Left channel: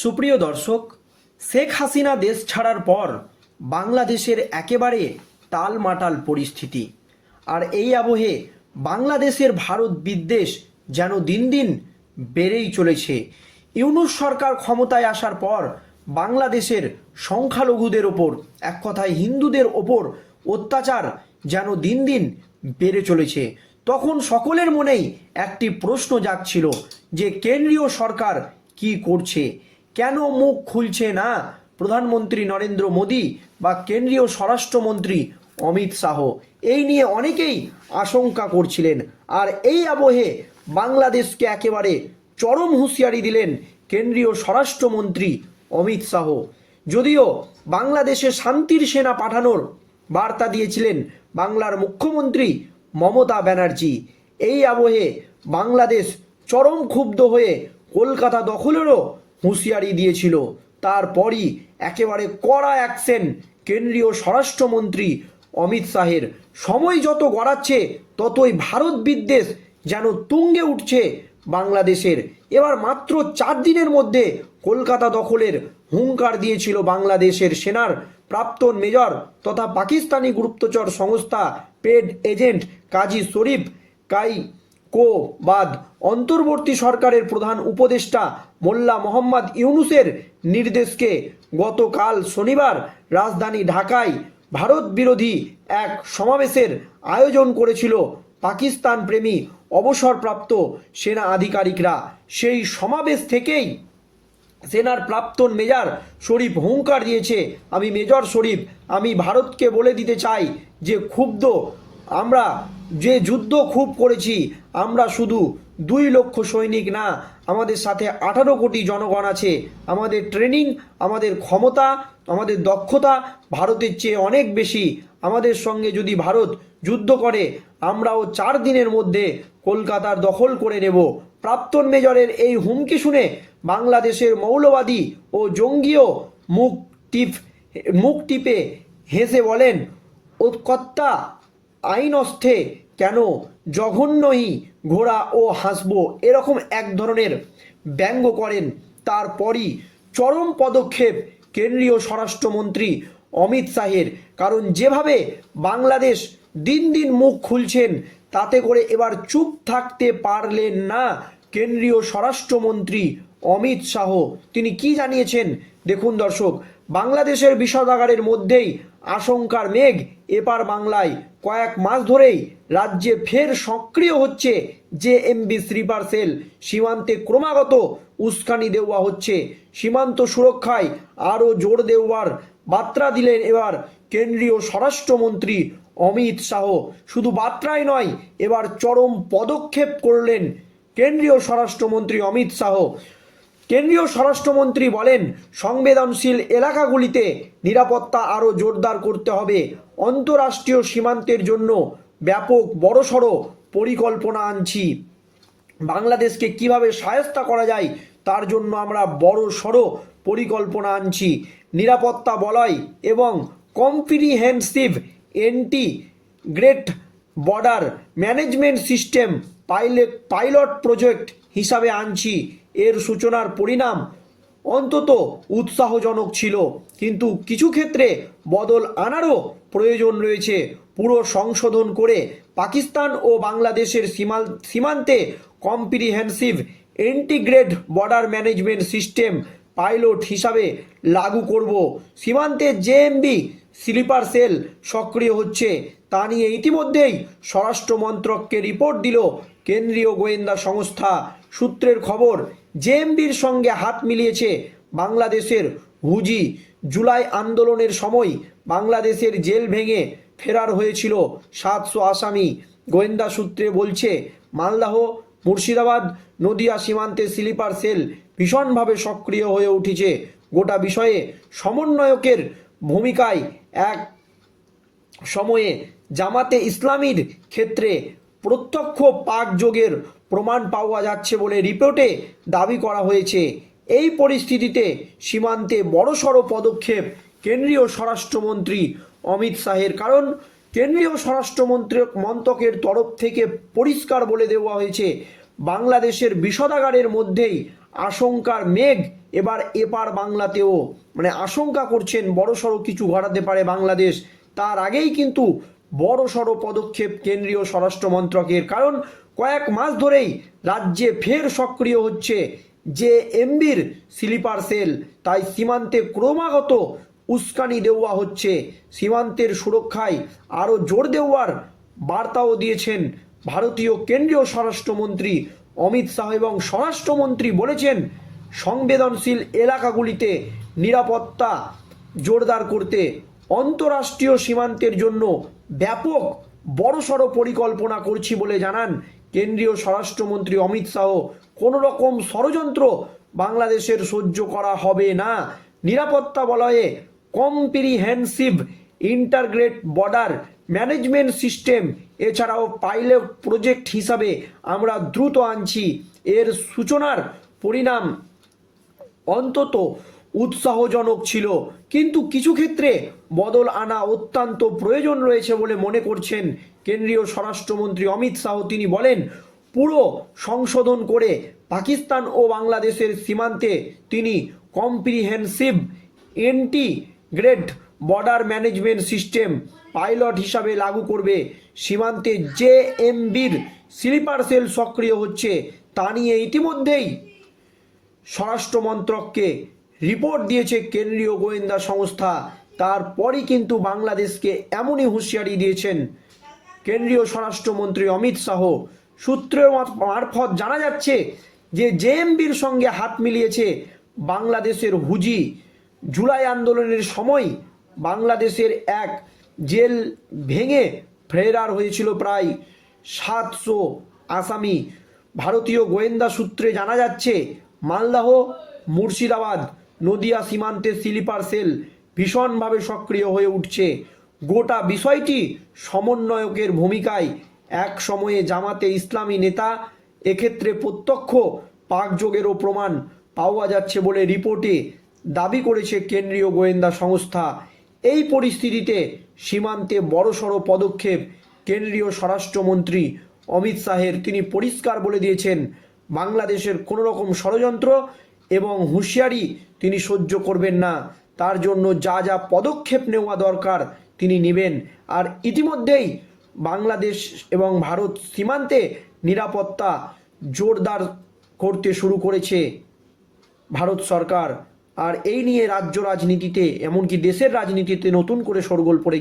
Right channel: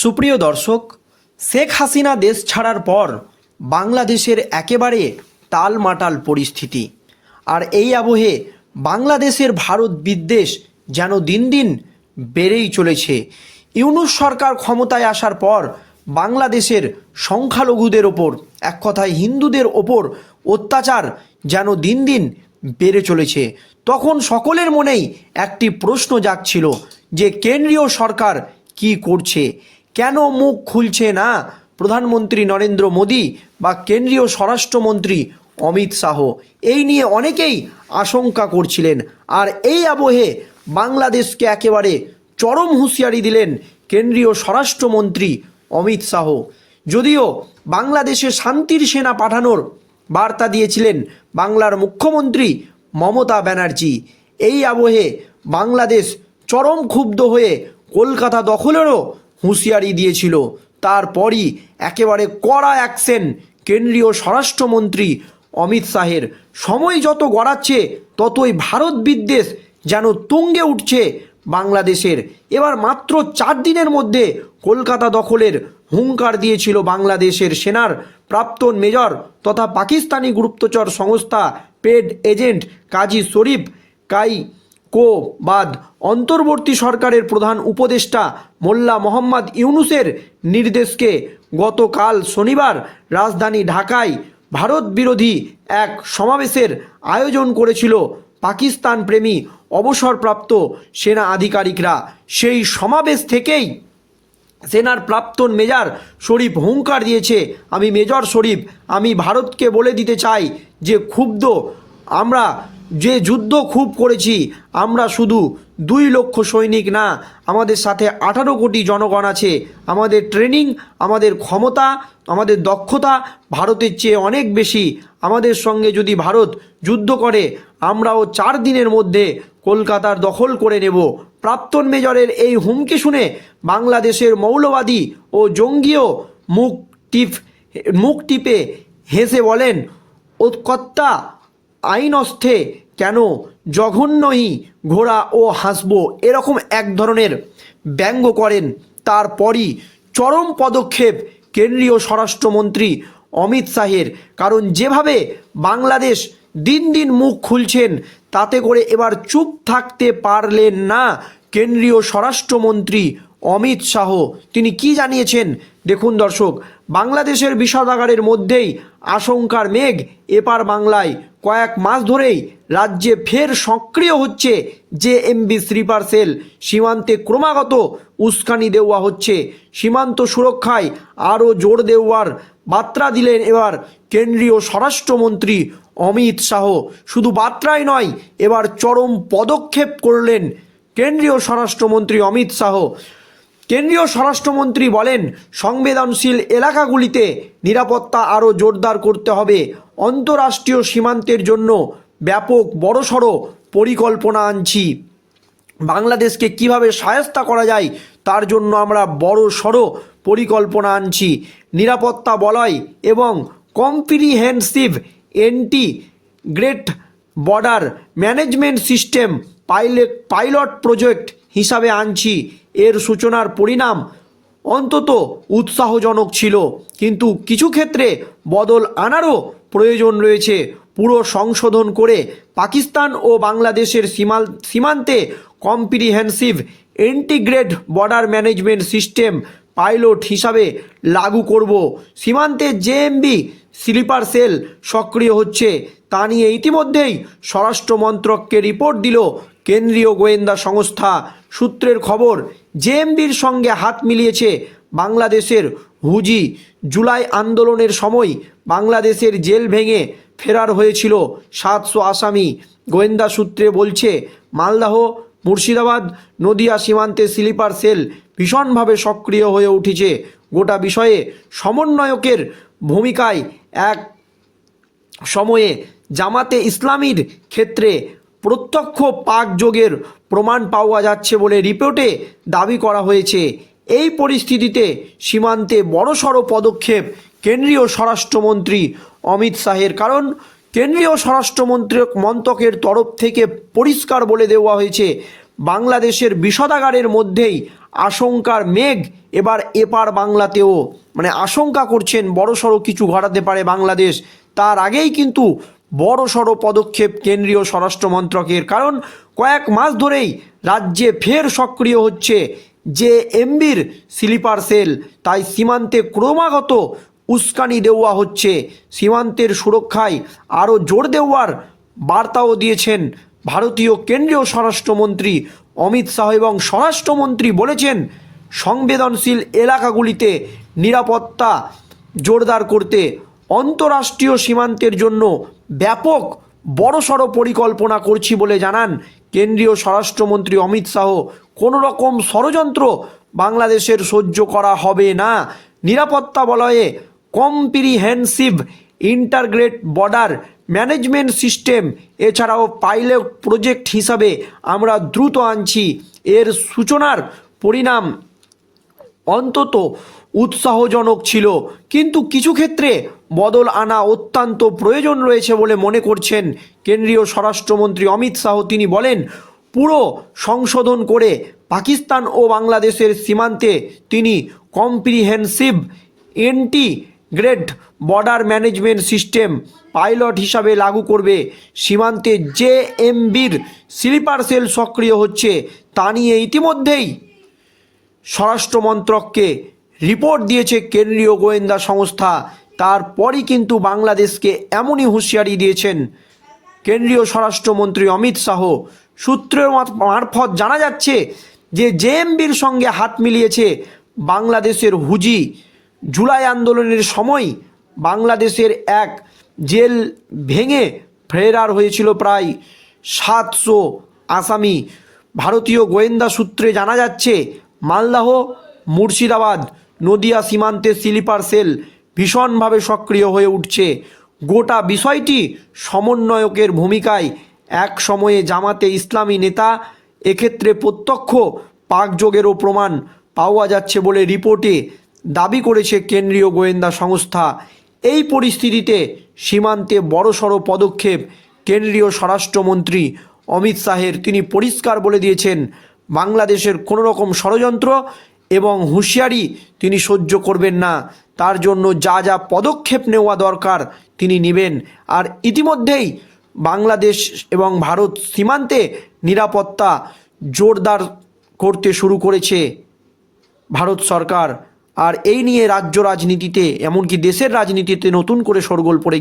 সুপ্রিয় দর্শক, শেখ হাসিনা দেশ ছাড়ার পর বাংলাদেশের একেবারে টালমাটাল পরিস্থিতি। আর এই আবহে বাংলাদেশের ভারত বিদ্বেষ যেন দিন দিন বেড়েই চলেছে। ইউনুস সরকার ক্ষমতায় আসার পর বাংলাদেশের সংখ্যালঘুদের ওপর, এক কথায় হিন্দুদের ওপর অত্যাচার যেন দিন দিন বেড়ে চলেছে। তখন সকলের মনেই একটি প্রশ্ন জাগছিল যে কেন্দ্রীয় সরকার কি করছে? কেন মুখ খুলছে না প্রধানমন্ত্রী নরেন্দ্র মোদী বা কেন্দ্রীয় স্বরাষ্ট্রমন্ত্রী অমিত শাহ? এই নিয়ে অনেকেই আশঙ্কা করছিলেন। আর এই আবহে বাংলাদেশকে একেবারে চরম হুঁশিয়ারি দিলেন কেন্দ্রীয় স্বরাষ্ট্রমন্ত্রী অমিত শাহ। যদিও বাংলাদেশে শান্তির সেনা পাঠানোর বার্তা দিয়েছিলেন বাংলার মুখ্যমন্ত্রী মমতা ব্যানার্জি। এই আবহে বাংলাদেশ চরম ক্ষুব্ধ হয়ে কলকাতা দখলেরও হুঁশিয়ারি দিয়েছিল। তারপরই একেবারে কড়া অ্যাকশন কেন্দ্রীয় স্বরাষ্ট্রমন্ত্রী অমিত শাহের। সময় যত গড়াচ্ছে, ততই ভারত বিদ্বেষ যেন তুঙ্গে উঠছে বাংলাদেশের। এবার মাত্র চার দিনের মধ্যে কলকাতা দখলের হুঙ্কার দিয়েছিল বাংলাদেশের সেনার প্রাক্তন মেজর তথা পাকিস্তানি গুপ্তচর সংস্থা পেড এজেন্ট কাজী শরীফ কাই কো বাদ অন্তর্বর্তী সরকারের প্রধান উপদেষ্টা মোল্লা মোহাম্মদ ইউনুসের নির্দেশকে গতকাল শনিবার রাজধানী ঢাকায় ভারত বিরোধী এক সমাবেশের আয়োজন করেছিল পাকিস্তান প্রেমী অবসরপ্রাপ্ত সেনা আধিকারিকরা। সেই সমাবেশ থেকেই সেনার প্রাক্তন মেজর শরীফ হুঙ্কার দিয়েছে, আমি মেজর শরীফ, আমি ভারতকে বলে দিতে চাই যে ক্ষুব্ধ আমরা যে যুদ্ধ খুব করেছি, আমরা শুধু দুই লক্ষ সৈনিক না, আমাদের সাথে আঠারো কোটি জনগণ আছে। আমাদের ট্রেনিং আমাদের ক্ষমতা, আমাদের দক্ষতা ভারতের চেয়ে অনেক বেশি। আমাদের সঙ্গে যদি ভারত যুদ্ধ করে, আমরাও চার দিনের মধ্যে কলকাতার দখল করে নেব। প্রাক্তন মেজরের এই হুমকি শুনে বাংলাদেশের মৌলবাদী ও জঙ্গিও মুখ টিপ মুখ টিপে হেসে বলেন ও কর্তা আইন অস্থে কেন জঘন্যই ঘোড়া ও হাসবো এরকম এক ধরনের ব্যঙ্গ করেন? তারপরই চরম পদক্ষেপ কেন্দ্রীয় স্বরাষ্ট্রমন্ত্রী অমিত শাহের। কারণ যেভাবে বাংলাদেশ দিন দিন মুখ খুলছেন, তাতে করে এবার চুপ থাকতে পারলেন না কেন্দ্রীয় স্বরাষ্ট্রমন্ত্রী অমিত শাহ। তিনি কি জানিয়েছেন? দেখুন দর্শক, বাংলাদেশের বিষাদাগারের মধ্যেই আশঙ্কার মেঘ এপার বাংলায় কয়েক মাস ধরেই রাজ্যে ফের সক্রিয় হচ্ছে যে এমবি স্লিপার সেল। সীমান্তে ক্রমাগত উস্কানি দেওয়া হচ্ছে। সীমান্ত সুরক্ষায় আরও জোর দেওয়ার বার্তা দিলেন এবার কেন্দ্রীয় স্বরাষ্ট্রমন্ত্রী অমিত শাহ। শুধু বার্তাই নয়, এবার চরম পদক্ষেপ করলেন কেন্দ্রীয় স্বরাষ্ট্রমন্ত্রী অমিত শাহ। কেন্দ্রীয় স্বরাষ্ট্রমন্ত্রী বলেন, সংবেদনশীল এলাকাগুলিতে নিরাপত্তা আরও জোরদার করতে হবে। অন্তরাষ্ট্রীয় সীমান্তের জন্য ব্যাপক বড়সড় পরিকল্পনা আনছি। বাংলাদেশকে কীভাবে সায়স্তা করা যায়, তার জন্য আমরা বড় সড়ো পরিকল্পনা আনছি। নিরাপত্তা বলয় এবং comprehensive integrate border management system pilot pilot project হিসাবে আনছি। এর সূচনার পরিণাম অন্তত উৎসাহজনক ছিল। কিন্তু কিছু ক্ষেত্রে বদল আনারও প্রয়োজন রয়েছে। পুরো সংশোধন করে পাকিস্তান ও বাংলাদেশের সীমাল, সীমান্তে comprehensive integrate border management system pilot হিসাবে লাগু করব। সীমান্তে জেএমবি স্লিপার সেল সক্রিয় হচ্ছে। তা নিয়ে ইতিমধ্যেই স্বরাষ্ট্র মন্ত্রককে রিপোর্ট দিল কেন্দ্রীয় গোয়েন্দা সংস্থা। সূত্রের খবর জেএমবির সঙ্গে হাত মিলিয়েছে বাংলাদেশের হুজি। জুলাই আন্দোলনের সময় বাংলাদেশের জেল ভেঙে ফেরার হয়েছিল সাতশো আসামি। গোয়েন্দা সূত্রে বলছে, মালদাহ, মুর্শিদাবাদ, নদিয়া সীমান্তে স্লিপার সেল ভীষণভাবে সক্রিয় হয়ে উঠেছে। গোটা বিষয়ে সমন্বয়কের ভূমিকায় এক সময়ে জামাতে ইসলামীর ক্ষেত্রে প্রত্যক্ষ পাক যোগের প্রমাণ পাওয়া যাচ্ছে বলে রিপোর্টে দাবি করা হয়েছে। এই পরিস্থিতিতে সীমান্তে বড়সড় পদক্ষেপ কেন্দ্রীয় স্বরাষ্ট্রমন্ত্রী অমিত শাহের। কারণ কেন্দ্রীয় স্বরাষ্ট্রমন্ত্রী মন্ত্রকের তরফ থেকে পরিষ্কার বলে দেওয়া হয়েছে, বাংলাদেশের বিষদাগারের মধ্যেই আশঙ্কার মেঘ এবার এপার বাংলাতেও। মানে আশঙ্কা করছেন বড়সড় কিছু ঘটাতে পারে বাংলাদেশ। তার আগেই কিন্তু বড়সড় পদক্ষেপ কেন্দ্রীয় স্বরাষ্ট্র মন্ত্রকের, কারণ কয়েক মাস ধরেই রাজ্যে ফের সক্রিয় হচ্ছে যে এমবির স্লিপার সেল। তাই সীমান্তে ক্রমাগত উস্কানি দেওয়া হচ্ছে। সীমান্তের সুরক্ষায় আরও জোর দেওয়ার বার্তাও দিয়েছেন ভারতীয় কেন্দ্রীয় স্বরাষ্ট্রমন্ত্রী অমিত শাহ এবং স্বরাষ্ট্রমন্ত্রী বলেছেন, সংবেদনশীল এলাকাগুলিতে নিরাপত্তা জোরদার করতে অন্তরাষ্ট্রীয় সীমান্তের জন্য ব্যাপক বড়সড় পরিকল্পনা করছি বলে জানান কেন্দ্রীয় স্বরাষ্ট্রমন্ত্রী অমিত শাহ। কোনো রকম ষড়যন্ত্র বাংলাদেশের সহ্য করা হবে না। নিরাপত্তা বলয়ে comprehensive integrate border management system, এছাড়াও পাইলট প্রজেক্ট হিসাবে আমরা দ্রুত আনছি। এর সূচনার পরিণাম অন্তত উৎসাহজনক ছিল। কিন্তু কিছু ক্ষেত্রে বদল আনা অত্যন্ত প্রয়োজন রয়েছে বলে মনে করছেন কেন্দ্রীয় স্বরাষ্ট্রমন্ত্রী অমিত শাহ। তিনি বলেন, পুরো সংশোধন করে পাকিস্তান ও বাংলাদেশের সীমান্তে তিনি comprehensive integrate border management system pilot হিসাবে লাগু করবে। সীমান্তে যে এমবির স্লিপার সেল সক্রিয় হচ্ছে। তা নিয়ে ইতিমধ্যেই স্বরাষ্ট্র মন্ত্রককে রিপোর্ট দিয়েছে কেন্দ্রীয় গোয়েন্দা সংস্থা। তারপরই কিন্তু বাংলাদেশকে এমনই হুঁশিয়ারি দিয়েছেন কেন্দ্রীয় স্বরাষ্ট্রমন্ত্রী অমিত শাহ। সূত্রের মারফত জানা যাচ্ছে যে জেএমবির সঙ্গে হাত মিলিয়েছে বাংলাদেশের হুজি। জুলাই আন্দোলনের সময় বাংলাদেশের এক জেল ভেঙে ফেরার হয়েছিল প্রায় সাতশো আসামি। ভারতীয় গোয়েন্দা সূত্রে জানা যাচ্ছে, মালদাহ, মুর্শিদাবাদ, নদিয়া সীমান্তে স্লিপার সেল ভীষণভাবে সক্রিয় হয়ে উঠছে। গোটা বিষয়টি সমন্বয়কের ভূমিকায় এক সময়ে জামাতে ইসলামী নেতা, এক্ষেত্রে প্রত্যক্ষ পাকযোগেরও প্রমাণ পাওয়া যাচ্ছে বলে রিপোর্টে দাবি করেছে কেন্দ্রীয় গোয়েন্দা সংস্থা। এই পরিস্থিতিতে সীমান্তে বড়সড় পদক্ষেপ কেন্দ্রীয় স্বরাষ্ট্রমন্ত্রী অমিত শাহের। তিনি পরিষ্কার বলে দিয়েছেন, বাংলাদেশের কোনো রকম ষড়যন্ত্র এবং হুঁশিয়ারি তিনি সহ্য করবেন না। তার জন্য যা যা পদক্ষেপ নেওয়া দরকার তিনি নেবেন। আর ইতিমধ্যেই বাংলাদেশ এবং ভারত সীমান্তে নিরাপত্তা জোরদার করতে শুরু করেছে ভারত সরকার। আর এই নিয়ে রাজ্য রাজনীতিতে, এমনকি দেশের রাজনীতিতে নতুন করে শোরগোল পড়ে